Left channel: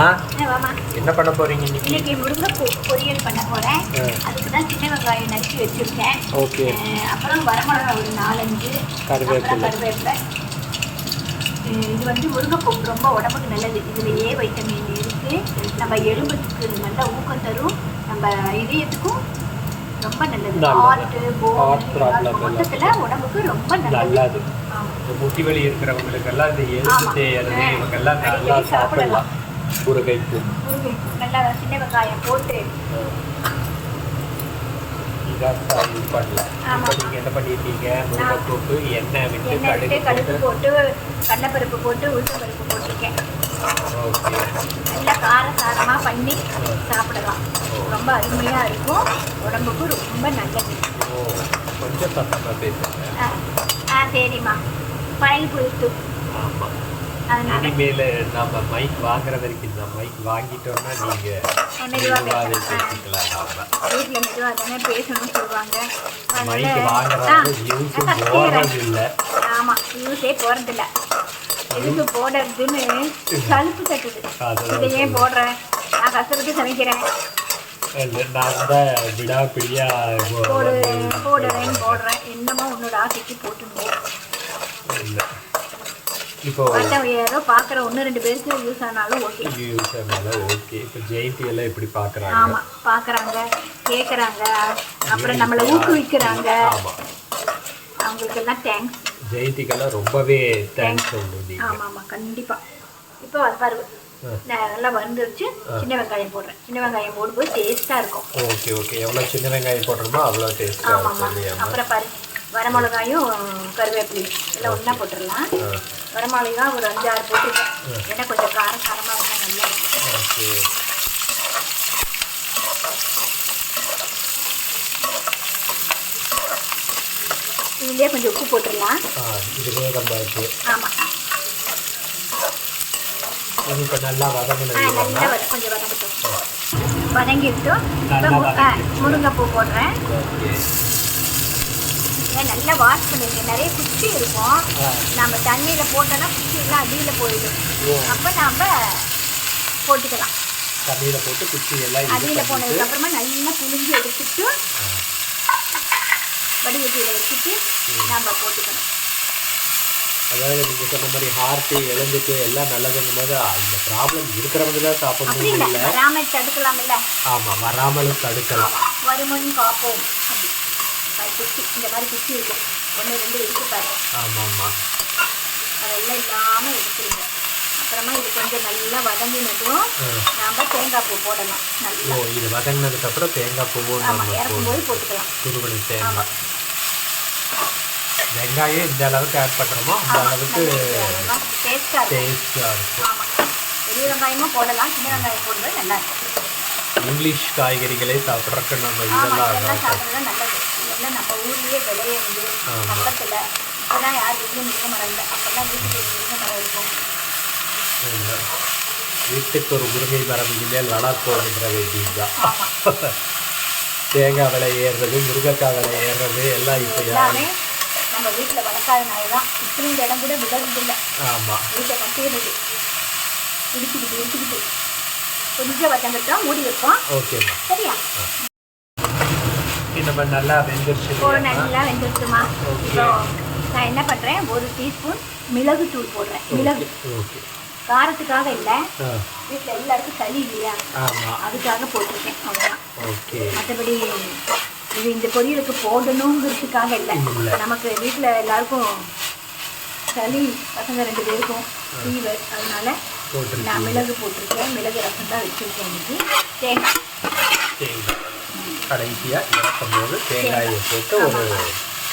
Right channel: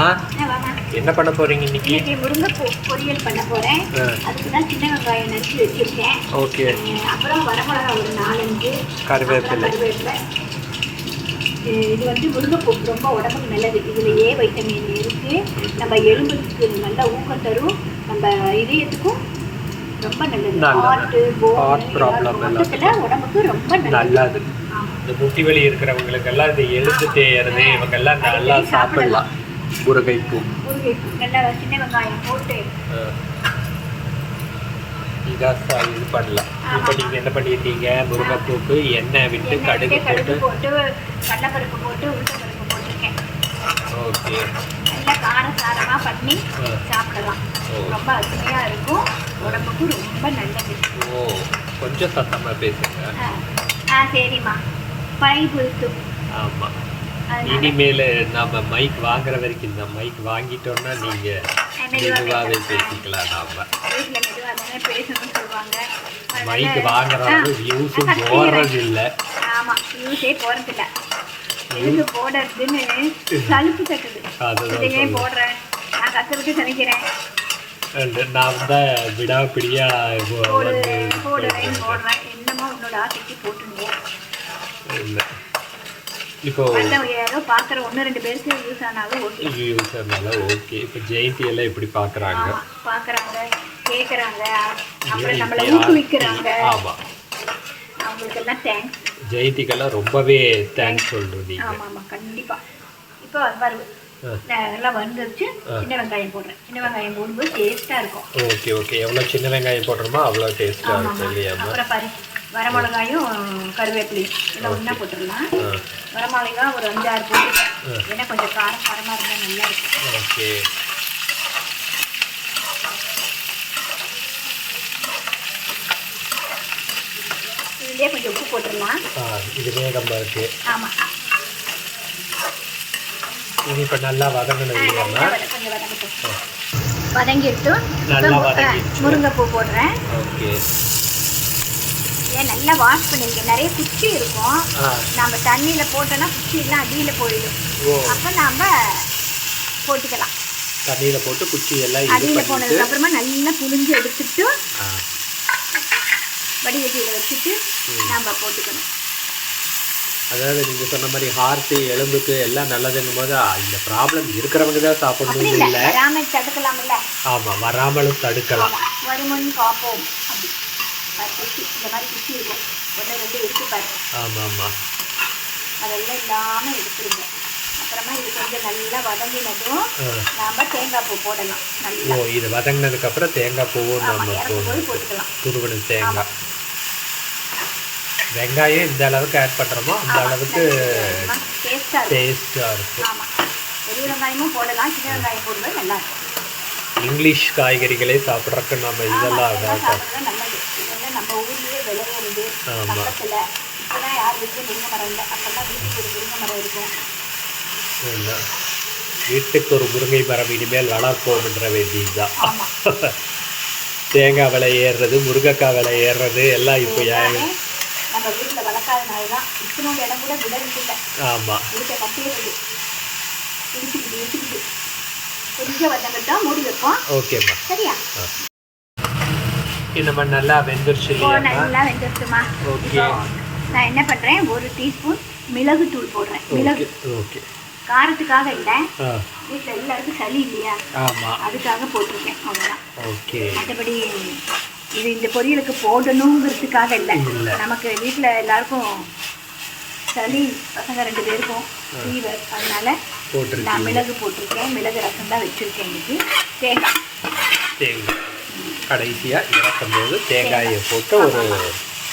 ஆ. என்ன பண்ண போறீங்க இன்னைக்கு இன்னைக்கு முருங்கைப்பூ பொரியல் பண்ண போறேன். அதுக்கு தான் சின்ன வெங்காயம் நச்சு வச்சிருக்கேன் ஓகே அப்புறம் வரமிளகா ஒரு நாலஞ்சு கருவேப்பிலை. கருவேப்பிலை இது வந்து முருங்கைப்பூ ரொம்ப உடம்புக்கு நல்லது இதுல ஏ வைட்டமின் இருக்கு நம்ம எலும்புக்கு நல்ல ஊக்கம் தரும் நம்ம இதயத்துக்கும் ரொம்ப நல்லது நல்லது. ஹார்ட் Heart problem மொத்தத்துல உடம்புக்கு ரொம்ப நல்லது. இந்த முட்டி வலி இருக்கிறவங்களுக்கு எல்லாம் இந்த எலும்பு. தேயறது. இவங்க எல்லாம் நல்லா சாப்பிடலாம் முருங்கைப்பூ முருங்கைப்பூ நல்லா சின்ன வெங்காயம் போட்டு. சா- இது பண்ணலாம். இப்போ நீங்க என்ன பண்ணிட்டீங்க முருங்கைப்பூக்கு எண்ணெய் விட்டு கடுகு கடுகு போட்டு கடலைப்பருப்பு போட்டு உளுத்தம்பருப்பு போட்டிருக்கேன். ஓகே. நல்லா காரசாரமாக பண்ணி. சாப்பிடலாம். ரொம்ப அருமையாக இருக்கும். உடம்புக்கு ரொம்ப நல்லது. ஓ. கொஞ்சம் சத்தமா பேசுங்க. ஆ. சரிம்மா. பழகி புதுசு ஆமா. அதனால இனிமேல் நம்ம மைக் வாங்குற வரைக்கும் இந்த மைக் வாங்கிட்டோம்னா நீங்க மெதுவா மெதுவாகவே. பேசிக்கலாம் நாம. மைக் வாங்குறவங்க வியூஸும் போடுறது இல்லை ஆமாம் யூஸே போகிறதில்ல எதுக்கு போடுறதுன்னு சலுப்பு தட்டுது. இதையே. போடுறேன்? நான் கஷ்டப்பட்டு சமைக்கிறேன். நான் தான் விடாப்பிடியா போடுறேன். போடுறேன். என்னமோ உன்னோட ஆசைக்கு போட்டுருந்தோம் இல்லை. இப்போ யாரோ பார்க்குற ஒன்று ரெண்டு பேருக்கு யூஸ் ஆனாலும் ஓகே யூஸ் அதனால ஓகே இப்போ ஜெயந்தி எல்லாம் எப்படி பார்க்குறாங்க? ஆமாம் பார்க்குறாங்க கேட்குறாங்க அப்புறம் நம்மளை ஊக்குவிக்கிறாங்க. ஆமா. அவங்களுக்கெல்லாம் தேங்க்ஸ் ஜெயந்திக்கெல்லாம் ரொம்பவே தேங்க்ஸ் சொல்லணும் நீங்க ஆமாம் ஆமாம் கண்டிப்பாக இப்போ வருது நல்லா வந்துருச்சு. சின்ன வெங்காயம் போடுறேன். சின்ன வெங்காயம் போடும்போது டேஸ்ட்டாக இருக்கும். ஓகே ஓகே எவ்வளோ சின்ன வெங்காயம் போடுறோமோ அவ்வளோ டேஸ்ட்டாக இருக்கும் இல்லையாம்மா அப்புறம் பாரு வரமிளகாயும் கருவேப்பிலையும். எல்லாம் ஒன்றா போட்டுடலாம். வரமிளகா ஒரு அஞ்சாறு போட்டுருக்கேன். ஏன்னா கொஞ்சம் காரம் காரமாக இருந்தால் நல்லா இருக்கும். ஓகே. இதுலேயே கொஞ்சம் உப்பு போட்டுடலாம். ஆ இது வேகமாக இருக்கு ஆமாம் இது இப்போ நல்லா வதங்கினது கொஞ்சம் வதங்கட்டும். வதங்கிட்டும். முருங்கைப்பூ போடுறேன். ஓகே. நல்லா வாஷ் பண்ணியிருக்கேன் நிறைய குச்சி இருக்கும். நம்ம தண்ணியில் போட்டோன்னா குச்சி எல்லாம் அடியில் போயிடும். அப்போ நாம் போட்டுக்கலாம். தண்ணியில் போட்டு குச்சி எல்லாம் அடியில் போனதுக்கு அப்புறமா நல்லா புழிஞ்சு எடுத்துட்டு வடிகட்டியில் வச்சுட்டு நம்ம போட்டுக்கணும். அதாவது நீங்க சொன்ன மாதிரி ஹார்ட்டு எலும்புக்கு எல்லாம் நல்லதுங்கும் போது இந்த ப்ராப்ளம் இருக்கிறவங்க தான் சாப்பிடணும் இல்லை. வராமல் தடுக்கலாம்ல. ஆமா வராமலும் தடுக்கலாம். வருமுன் காப்போம். குச்சி இந்த மாதிரி குச்சி இருக்கும். ஒன்று ரெண்டு இருக்கு பாரு அதெல்லாம் இல்லாமல் எடுத்துருங்க. அப்புறமா இது கொஞ்சம் நல்லா வதங்கினதும். நாம தேங்காய் பூ போடலாம். நல்லா. ஓ இது வதங்கினதுக்கு அப்புறம் தேங்காய் பூவும் நம்ம இறக்கும் போது போடணும் போட்டுக்கலாம். துருவன தேங்காய். வெங்காயம் இந்த அளவுக்கு ஆட் பண்றோமோ அந்த அளவுக்கு டேஸ்ட்டாக இருக்கும். ஆமாம் பெரிய வெங்காயமும் போடலாம் சின்ன வெங்காயம் போடும்போது நல்லா இருக்கும். இங்கிலீஷ் காய்கறிகளே சாப்பிட்றதுக்கு நம்ம இதெல்லாம் நல்லது. நம்ம ஊர்லேயே விளையிறது. பக்கத்தில் இப்போதான் யார் வீட்லையும் முருங்கை மரம் இல்லை. அப்போல்லாம் வீட்டுக்கு ஒரு முருங்கை மரம் இருக்கும். இல்ல. வீட்டுக்கு ஒரு முருங்கை மரம் இனிமேல் வளர்ப்போம்ன்ற வேண்டியதுதான். ஆமாம் தேங்காய் விலை ஏறுறது முருங்கைக்காய் விலை ஏறுறது எல்லாம் இப்போ எல்லாமே நம்ம வீட்டில் வளர்க்காதனால தான் இத்தனோட இடம் கூட விளையிறது இல்லை ஆமா. வீட்டை கட்டிடுறது இடிச்சுக்கிட்டு இடிச்சுக்கிட்டு. கொஞ்சம் வதங்கட்டும் மூடி வைப்போம். ஓகேம்மா. சரியா? நம்ம நல்லா வெந்துருச்சு நல்லா வெந்துருச்சுமா? நான் என்ன பண்ணுறேன் ஒரு டீஸ்பூன் மிளகு தூள் போடுறேன். மிளகு ஓகே. காரத்துக்காக இல்லை. வீட்டில் எல்லாருக்கும் சளி இல்லையா? அதுக்காக போட்டிருக்கேன் அவ்வளோதான் ஓகே. மற்றபடி இது இந்த பொரியலுக்கு போடணுங்கிறதுக்காக இல்லை. நமக்கு வீட்டில் எல்லாருக்கும் சளி பசங்க ரெண்டு பேருக்கும் ஃபீவர் அதனால நான் மிளகு போட்டிருக்கேன். மிளகு ரசம் தான் வச்சுருக்கேன் இன்னைக்கு. தேங்காய். தேங்காய். கடைசியா இறக்கும் போது தேங்காயை. போட்டு ஒரு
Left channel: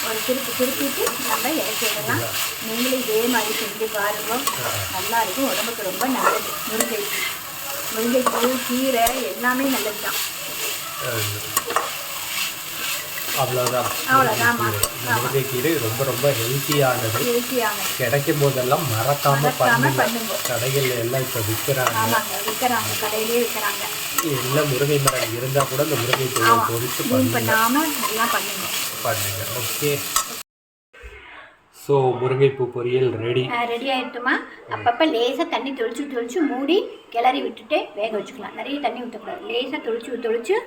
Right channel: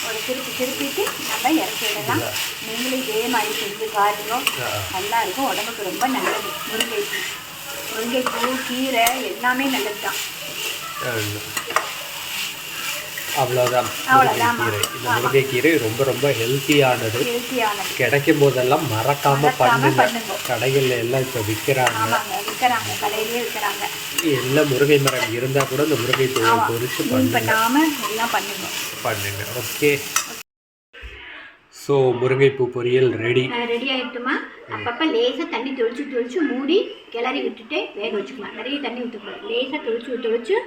ஒரு திருப்பி திருப்பிட்டு நம்ம இறக்கிடலாம். நீங்களும் இதே மாதிரி செஞ்சு பாருங்க. நல்லா இருக்கும். உடம்புக்கு ரொம்ப நல்லது. முருங்கைப்பூ. முருங்கைப்பூ கீரை எல்லாமே நல்லது தான் அவ்வளோதான். இந்த முருங்கைக்கீரை ரொம்ப ரொம்ப ஹெல்த்தியானது கிடைக்கும் போதெல்லாம் மறக்காம பண்ணுங்க. கடைகள்ல எல்லாம் இப்போ விற்கிறாங்க எல்லாம் முருங்கை மரம் இருந்தா கூட இந்த முருங்கை பொறிச்சு க்ளீன் பண்ணுங்க. பண்ணுங்க. ஓகே ஸோ முருங்கைப்பூ பொரியல் ரெடி ரெடி ஆகிட்டுமா அப்பப்போ லேசாக தண்ணி தொளிச்சு தொளிச்சு மூடி கிளறி விட்டுட்டு வேக வச்சுக்கலாம். நிறைய தண்ணி ஊற்றக்கூடாது லேசாக தொளிச்சு தொளிச்சு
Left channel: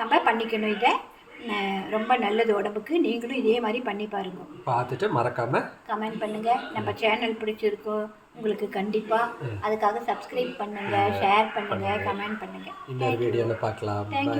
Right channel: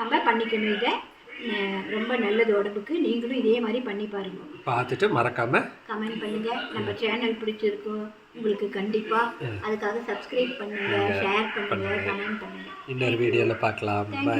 நம்ம பண்ணிக்கணும் இதை. ரொம்ப நல்லது உடம்புக்கு. நீங்களும் இதே மாதிரி பண்ணி பாருங்க. பார்த்துட்டு மறக்காமல் கமெண்ட் பண்ணுங்க. நம்ம சேனல் பிடிச்சிருக்கோம் உங்களுக்கு கண்டிப்பாக அதுக்காக சப்ஸ்கிரைப் பண்ணுங்க ஷேர் பண்ணுங்க கமெண்ட் பண்ணுங்க. இன்னொரு வீடியோவில் பார்க்கலாம். பை